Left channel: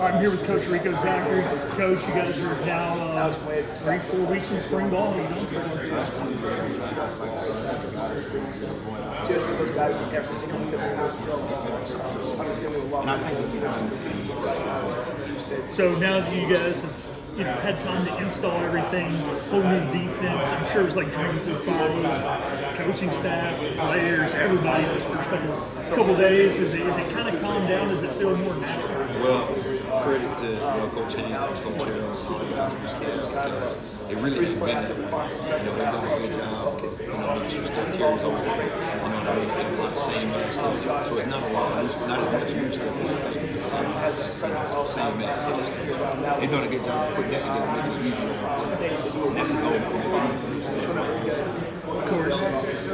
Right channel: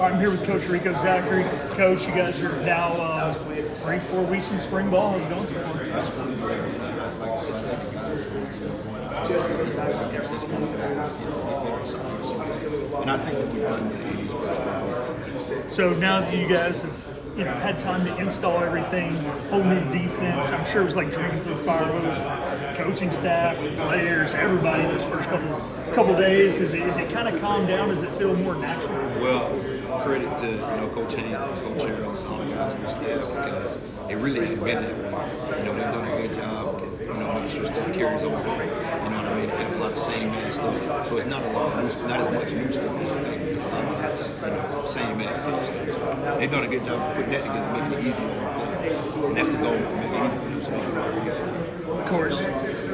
I'm here with Coach Rico, Zachery. Coach, you guys are now 3-4 weeks in spring ball. How's it going so far? That's one good. Like I said, the guys are going out there. And I think that we've done this in these first 3 weeks. So now that you guys have had time to install everything, whole new defense, I'm sure it was like jumping through fire hose, coaching staff, players, everybody those first couple days. Is it kind of calmed down? Does it feel more natural? Well, credit to Coach Haynes and Coach Harold and all the guys on the staff because it really hasn't been that way. They've done a good job of making sure stuff carries over. You know what I mean? There's a lot of same man stuff, so it's not a lot of new stuff, not as much new stuff as I think. A lot of it's same man stuff. So they've done a good job of putting that together, making it easier on the players, and that's the goal, to make it easy for them so they can run the Of course.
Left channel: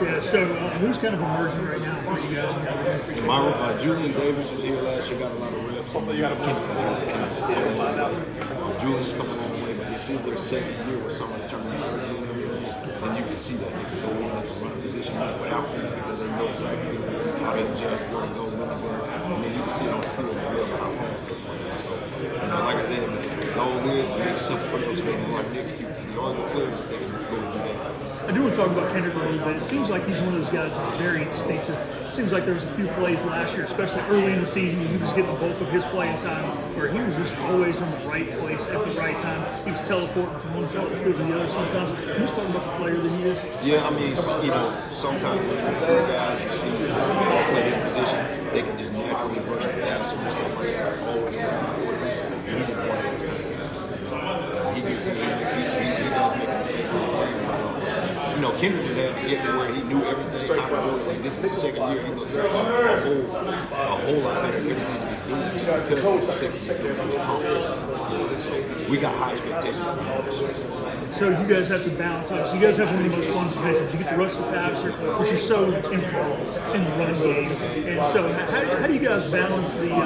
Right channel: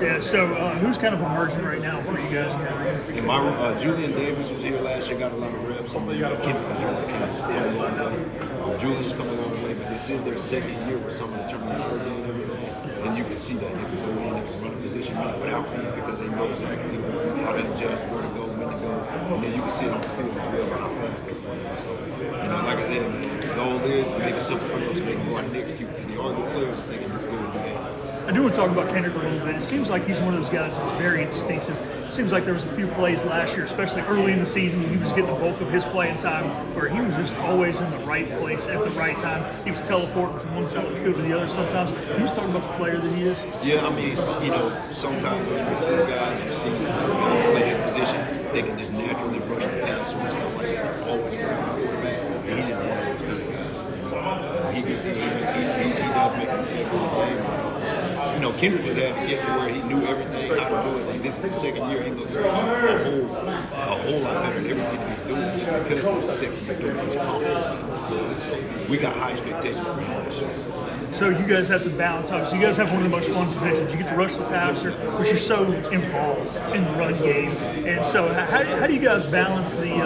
Yeah, so who's kind of emerging right now for you guys in that room? Julian Davis was here last year, got a lot of reps, and Kendrick was here. Julian's coming on the way, but this is their second year with some of the terminology and everything, and you can see that they can go in and run a position without me because they know exactly how to adjust, where to go, when to go, and then you can see it on the field as well by how fast they're playing. So, like I said, man, the goal is to make it simple for them so they can go out and execute because they are good players if they can go and do that. I do want to talk about Kendrick a little bit. It seems like he's one of those guys that's very instinctive. It seems like there was a few plays last year, especially early in the season, when he was getting the bulk of his playing time, where he was just always in the right place at the right time. He was teleporting from one side of the field to the other sometimes. Can you just talk about the player that he is? Yeah, I mean, sometimes when you recruit guys, you see guys play this position, they can just naturally rush the pass and stuff like that, always around the quarterback. And he's just one of those kind of guys. He does make a mistake. Kendrick just had to get to where he knew everything, how to do it. Like, this is his second year. He looks a whole lot better than everything that he's doing just because he's second year. He's confident. So we got high expectations for him. So you guys have to balance out. So you guys have one of the most fun positions. You get to rush the passer, but you're so involved in the run game. And so how do you guys balance the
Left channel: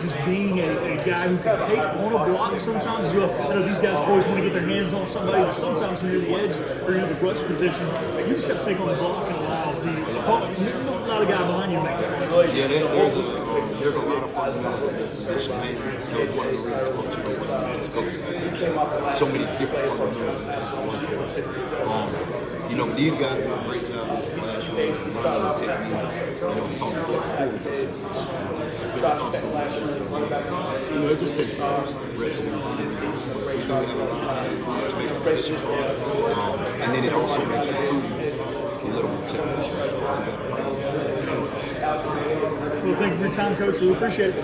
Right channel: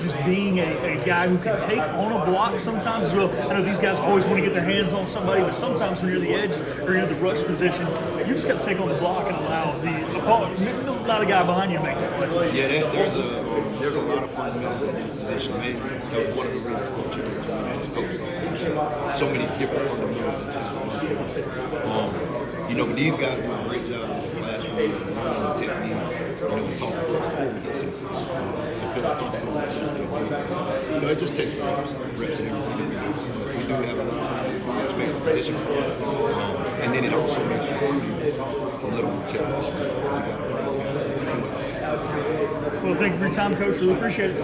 just being a guy who can take on a block sometimes as well? I know these guys always want to get their hands on somebody, but sometimes when you're the edge or you're the rush position, you just got to take on the block and allow the opponent, not a guy behind you to make the play. Yeah, there's a lot of fundamentals of this position. Mainly, that was one of the reasons when we just coaches. So many different fundamentals. But these guys do a great job in the classroom, learning the techniques, and talking to us before we get to the field. They feel comfortable with it. It just takes reps and everything. But we do have a lot of things which makes the position fun. And then it also makes recruiting a little more challenging. Well, thank you for your time, Coach. Really appreciate it.